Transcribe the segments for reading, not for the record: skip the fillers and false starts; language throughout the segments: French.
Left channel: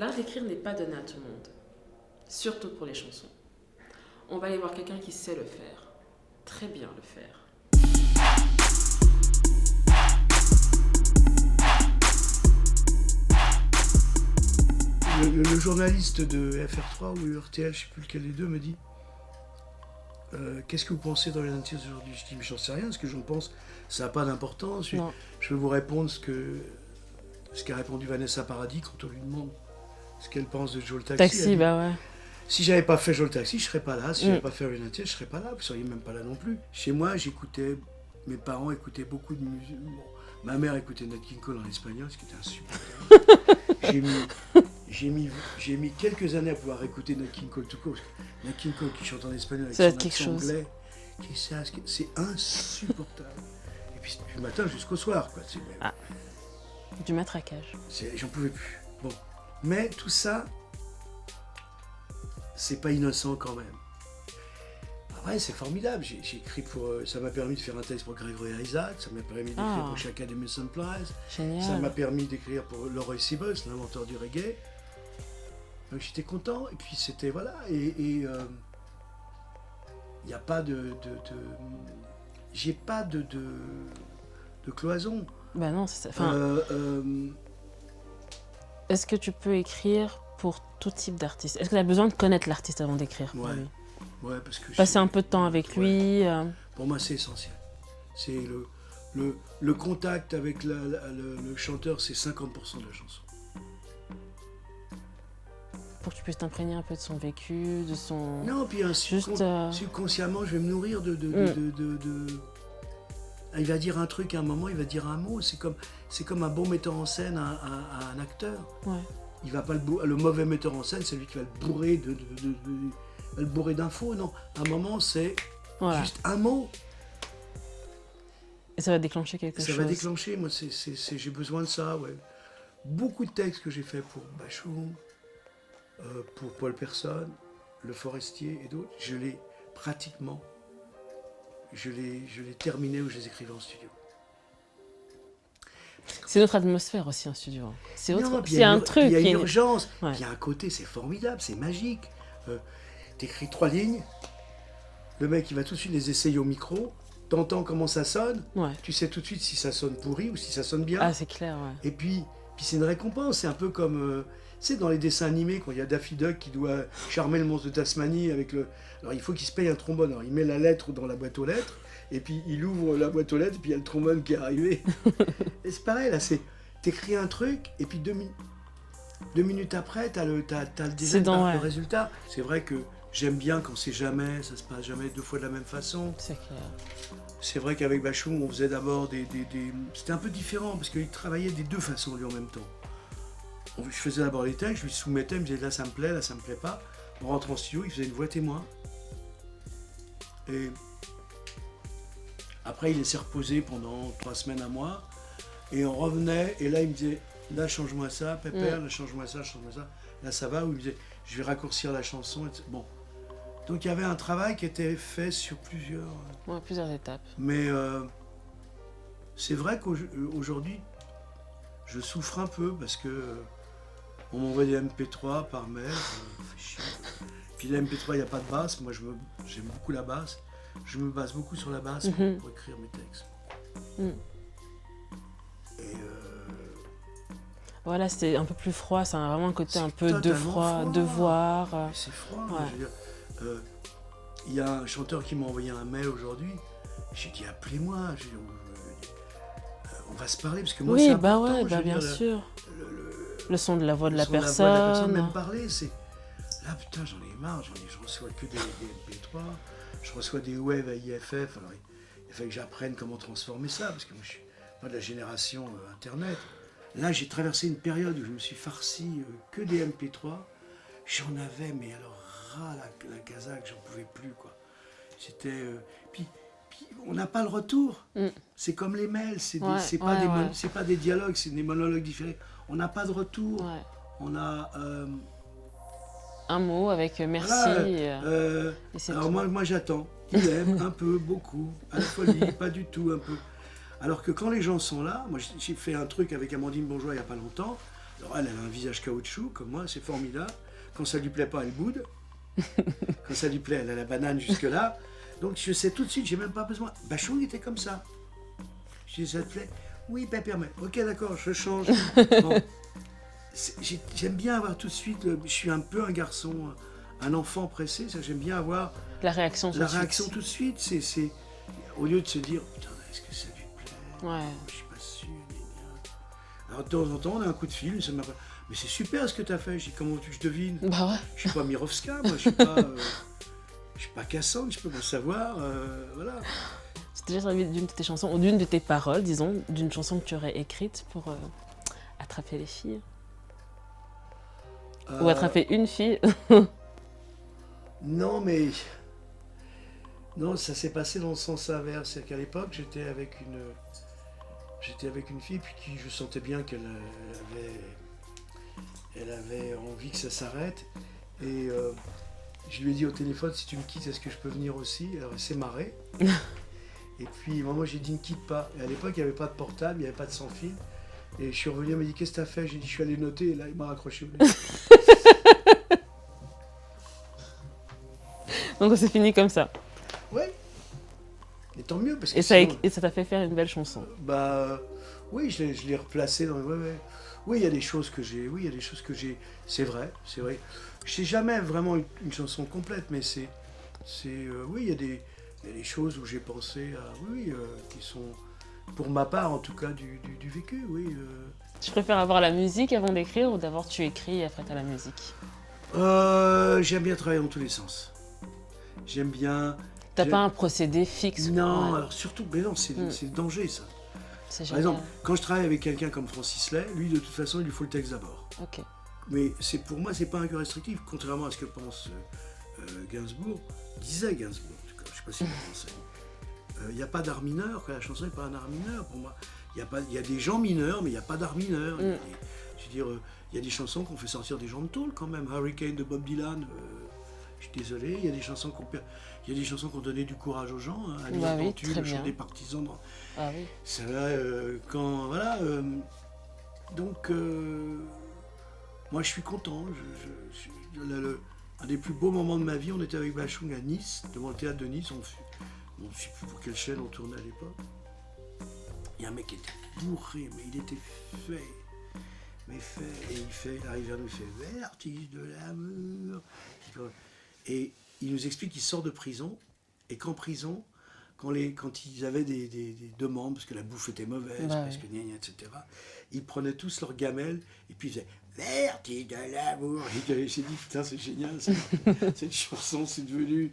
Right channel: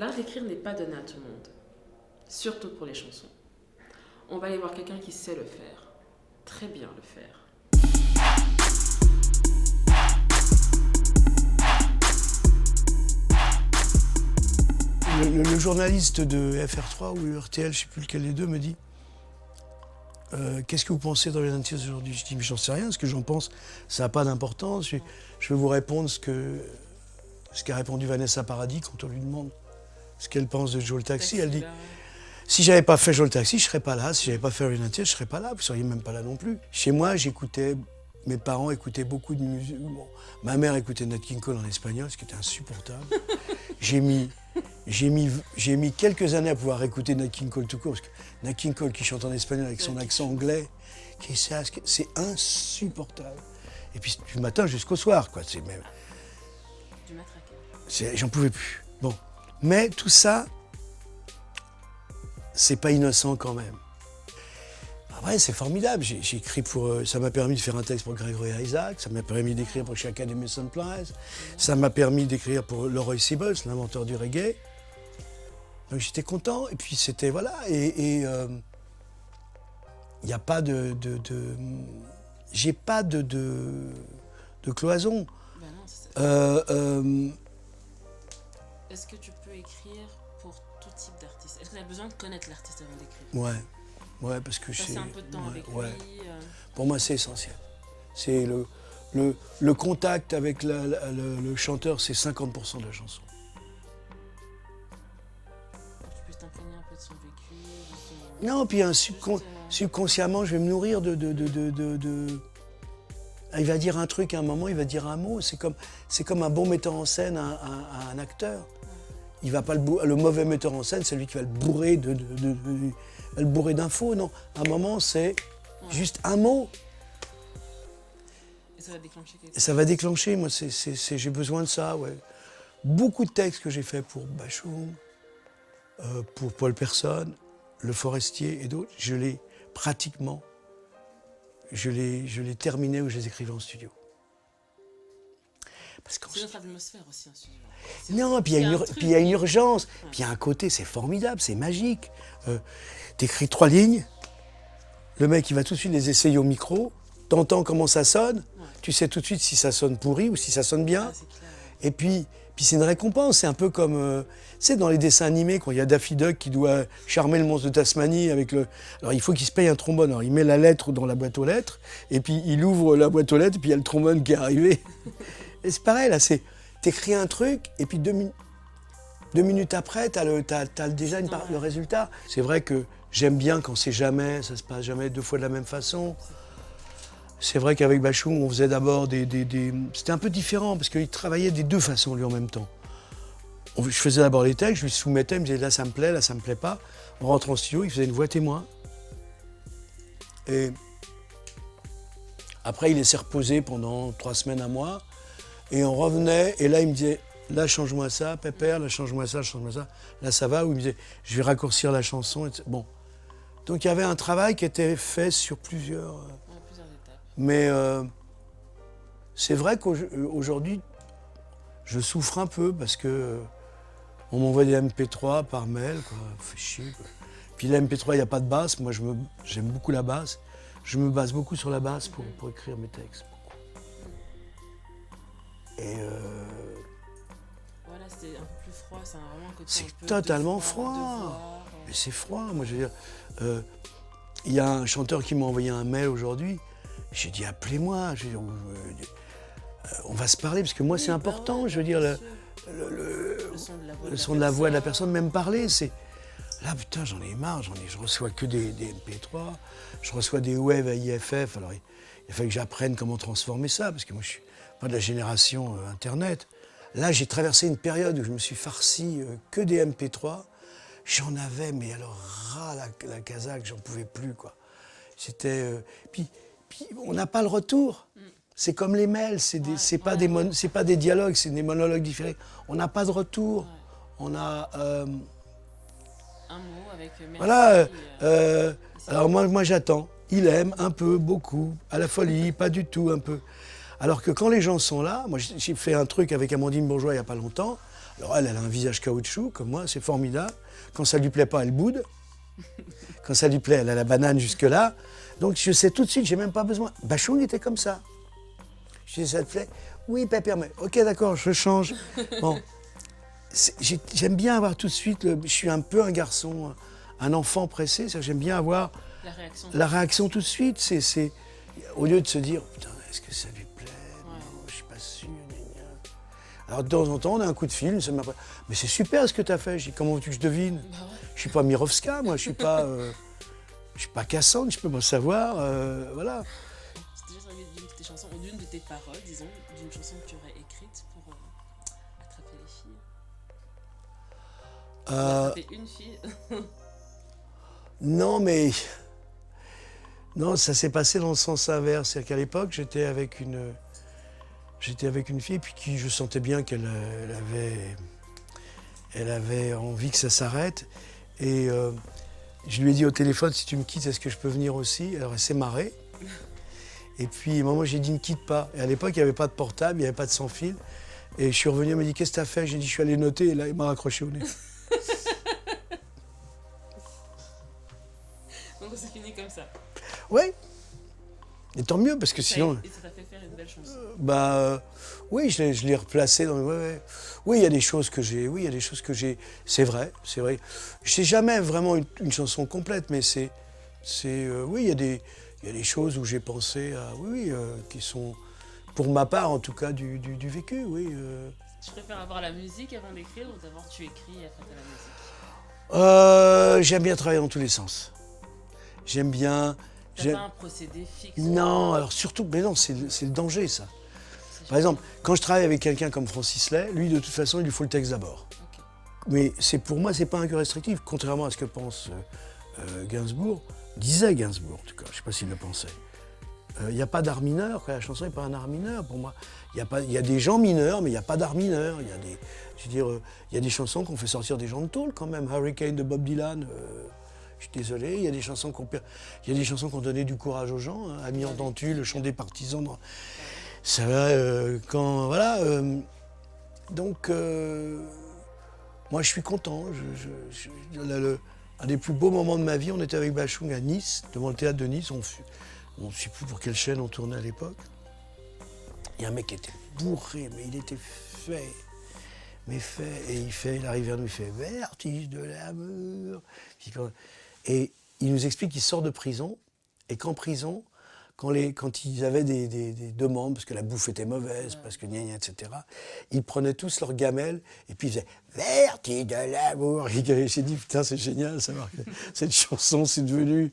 L'art d'écrire n'est pas donné à tout le monde, surtout pour les chansons. On va aller voir quelqu'un qui sait le faire, très bien le faire. Le journaliste de FR3 ou RTL, je ne sais plus lequel des deux, me dit qu'est-ce que vous pensez dans les Nantiers aujourd'hui? Je dis mais j'en sais rien, ce que j'en pense, ça n'a pas d'importance. Je vais vous répondre ce qu'a répondu Vanessa Paradis quand on lui demande ce qu'elle pense de Joe le Taxi. Taxi, bah ouais. Si j'avais pas fait Joe le Taxi, je serais pas là. Si j'avais pas fait les Nantiers, je serais pas là. Vous seriez même pas là non plus. Chez moi, mes parents écoutaient beaucoup de musique. Bon, ma mère écoutait Nat King Cole en espagnol, ce qui était insupportable. J'ai mis quelques années à pouvoir écouter Nat King Cole tout court, parce que Nat King Cole qui chante en espagnol avec son accent anglais, c'est insupportable. Et puis du matin jusqu'au soir, quoi. C'est même... Du matraquage. J'en pouvais plus. Bon, mais tout ça, c'est pas innocent quand même. Ouais, c'est formidable. J'ai écrit ça m'a permis de faire un texte pour Gregory Isaac, ça m'a permis d'écrire pour Chaka Demus Prize, ça m'a permis d'écrire pour Leroy Sibbles, l'inventeur du reggae. Donc j'étais content, et puis c'était, voilà, et il n'y a pas j'ai pas de cloison. Bah non, c'est ça. Est-ce que tu peux écrire pour tout type d'artiste? Est-ce que tu as besoin de connaître l'artiste avant d'écrire? Ouais, parce que passer un peu de temps avec lui. Pour moi, c'est essentiel. C'est le contact avec le chanteur, c'est 50% de la chanson. Pour que tu puisses t'imprégner un peu de son vécu, de son... Non, puis subconsciemment, je vais me nourrir Il va dire un truc à un moment, il va dire un mot. C'est comme un bon metteur en scène à un acteur. Ouais. Il va pas le mauvais metteur en scène, c'est lui qui va le bourrer le bourrer d'infos, non. À un moment, c'est juste un mot. Et ça va déclencher quelque chose. Ça va déclencher, moi, j'ai besoin de ça, ouais. Beaucoup de textes que j'ai faits pour Bachoum, pour Paul Personne, Le Forestier et d'autres, je les terminais ou je les écrivais en studio. C'est notre atmosphère aussi, un studio. Non, puis il y a une urgence, puis il y a un côté, c'est formidable, c'est magique. T'écris 3 lignes, le mec il va tout de suite les essayer au micro, t'entends comment ça sonne, tu sais tout de suite si ça sonne pourri ou si ça sonne bien. Ah, c'est clair, ouais. Et puis c'est une récompense, c'est un peu comme, dans les dessins animés, quand il y a Daffy Duck qui doit charmer le monstre de Tasmanie avec le... Alors il faut qu'il se paye un trombone, alors il met la lettre dans la boîte aux lettres, et puis il ouvre la boîte aux lettres, et puis il y a le trombone qui est arrivé. Et c'est pareil, là, t'écris un truc, et puis 2 minutes après, t'as déjà le résultat. C'est vrai que j'aime bien quand ça se passe jamais 2 fois de la même façon. C'est vrai qu'avec Bachoum, on faisait d'abord C'était un peu différent, parce qu'il travaillait des 2 façons, lui, en même temps. Je faisais d'abord les textes, je lui soumettais, il me disait là ça me plaît pas. On rentre en studio, il faisait une voix témoin. Et après, il laissait reposer pendant 3 semaines, 1 mois. Et on revenait, et là, il me disait là, change-moi ça, Pépère, là, change-moi ça, change-moi ça. Là, ça va, ou il me disait je vais raccourcir la chanson. Etc. Bon. Donc, il y avait un travail qui était fait sur plusieurs étapes. Mais c'est vrai qu'aujourd'hui, je souffre un peu parce que on m'envoie des MP3 par mail, ça fait chier. Puis les MP3, il n'y a pas de basse. Moi, j'aime beaucoup la basse. Je me base beaucoup sur la basse pour écrire mes textes. Et voilà, c'est un peu plus froid, ça a vraiment un côté un peu de froid. Devoir. C'est froid, je veux dire. Il y a un chanteur qui m'a envoyé un mail aujourd'hui. J'ai dit appelez-moi. On va se parler parce que moi c'est important. Je veux dire, le son de la voix de la personne. Le son de la voix de la personne, même parler, c'est. Là, putain, j'en ai marre. Je reçois que des MP3. Je reçois des waves à IFF. Alors, il fallait que j'apprenne comment transformer ça parce que moi, je suis pas de la génération Internet. Là, j'ai traversé une période où je me suis farci que des MP3. J'en avais, mais alors ras la casaque, j'en pouvais plus, quoi. C'était. Puis on n'a pas le retour. C'est comme les mails, c'est pas des dialogues, c'est des monologues différés. On n'a pas de retour. On a un mot avec merci. Voilà, alors moi j'attends. Il aime un peu, beaucoup, à la folie, pas du tout, un peu. Alors que quand les gens sont là, moi j'ai fait un truc avec Amandine Bourgeois il n'y a pas longtemps. Alors elle a un visage caoutchouc, comme moi, c'est formidable. Quand ça lui plaît pas, elle boude. Quand ça lui plaît, elle a la banane jusque-là. Donc je sais tout de suite, j'ai même pas besoin. Bachung était comme ça. Je dis, ça te plaît? Oui, papa, mais ok, d'accord, je change. Bon. J'aime bien avoir tout de suite, je suis un peu un garçon, un enfant pressé, j'aime bien avoir La réaction tout de suite. C'est, au lieu de se dire, putain, est-ce que ça lui plaît? Ouais. Je suis pas sûr. Alors de temps en temps, on a un coup de fil, ça m'a pas... Mais c'est super ce que tu as fait. Je dis, comment veux-tu que je devine? Bah ouais. Je suis pas Mirovska, moi, je suis pas Cassandre, je peux pas savoir, voilà. C'est déjà servi d'une de tes chansons, ou d'une de tes paroles, disons, d'une chanson que tu aurais écrite pour attraper les filles. Ou attraper une fille. Non, mais... Non, ça s'est passé dans le sens inverse. C'est-à-dire qu'à l'époque, j'étais avec une fille, et puis qui, je sentais bien qu'elle avait envie que ça s'arrête. Et je lui ai dit au téléphone, si tu me quittes, est-ce que je peux venir aussi? Alors elle s'est marrée. Et puis, moi, j'ai dit, ne quitte pas. Et à l'époque, il n'y avait pas de portable, il n'y avait pas de sans-fil. Et je suis revenu, elle m'a dit, qu'est-ce que tu as fait? J'ai dit, je suis allé noter, et là, il m'a raccroché au nez. Donc c'est fini comme ça. Oui. Et tant mieux, parce que Et sinon... et ça t'a fait faire une belle chanson. Oui, je l'ai replacé dans... Ouais. Oui, il y a des choses que j'ai... Oui, il y a des choses que j'ai... C'est vrai. Je n'ai jamais vraiment une chanson complète, mais oui, il y a des choses où j'ai pensé à... Oui, qui sont, pour ma part, en tout cas, du vécu, oui. Tu préfères avoir la musique avant d'écrire ou d'abord tu écris et après t'as la musique? J'aime bien travailler dans tous les sens. J'aime bien... T'as pas un procédé fixe? Non, alors surtout... Mais non, c'est le danger, ça. Par exemple, quand je travaille avec quelqu'un comme Francis Lay, lui, de toute façon, il lui faut le texte d'abord. Okay. Mais pour moi, c'est pas un que restrictif, contrairement à ce que pense Gainsbourg. Disait Gainsbourg, en tout cas, je sais pas s'il le pensait. Il n'y a pas d'art mineur, la chanson n'est pas un art mineur pour moi. Il y a des gens mineurs, mais il n'y a pas d'art mineur. Il y a des chansons qu'on fait sortir des gens de tôle quand même. Hurricane de Bob Dylan, je suis désolé. Il y a des chansons qui ont donné du courage aux gens. Hein. Ami Ardentue, le chant des partisans. Ça va, quand... Voilà. Donc, moi, je suis content. Un des plus beaux moments de ma vie, on était avec Bachung à Nice, devant le théâtre de Nice. On ne sait plus pour quelle chaîne on tournait à l'époque. Il y a un mec qui était bourré, mais il était fait. Et il arrive vers nous, il fait « Vertige de l'amour ». Et il nous explique qu'il sort de prison, et qu'en prison, quand ils avaient des demandes, parce que la bouffe était mauvaise, parce que gna gna, etc., ils prenaient tous leur gamelle, et puis ils faisaient « Vertige de l'amour ». J'ai dit, putain, c'est génial, cette chanson, c'est devenu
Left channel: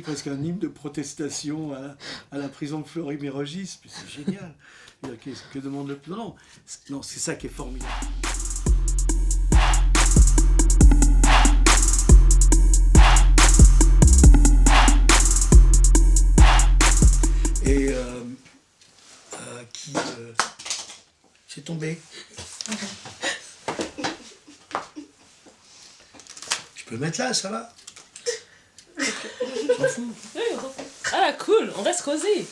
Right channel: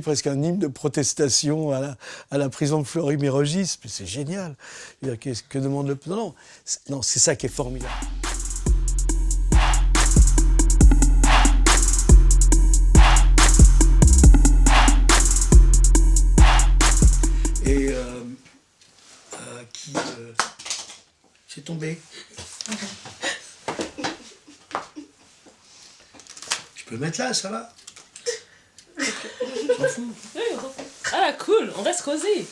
presque un hymne de protestation à la prison de Fleury-Mérogis, mais c'est génial. Que demande le... Non, c'est ça qui est formidable. Et c'est tombé. Je peux le mettre là, ça va? Je m'en fous. Ah cool, on reste cosy.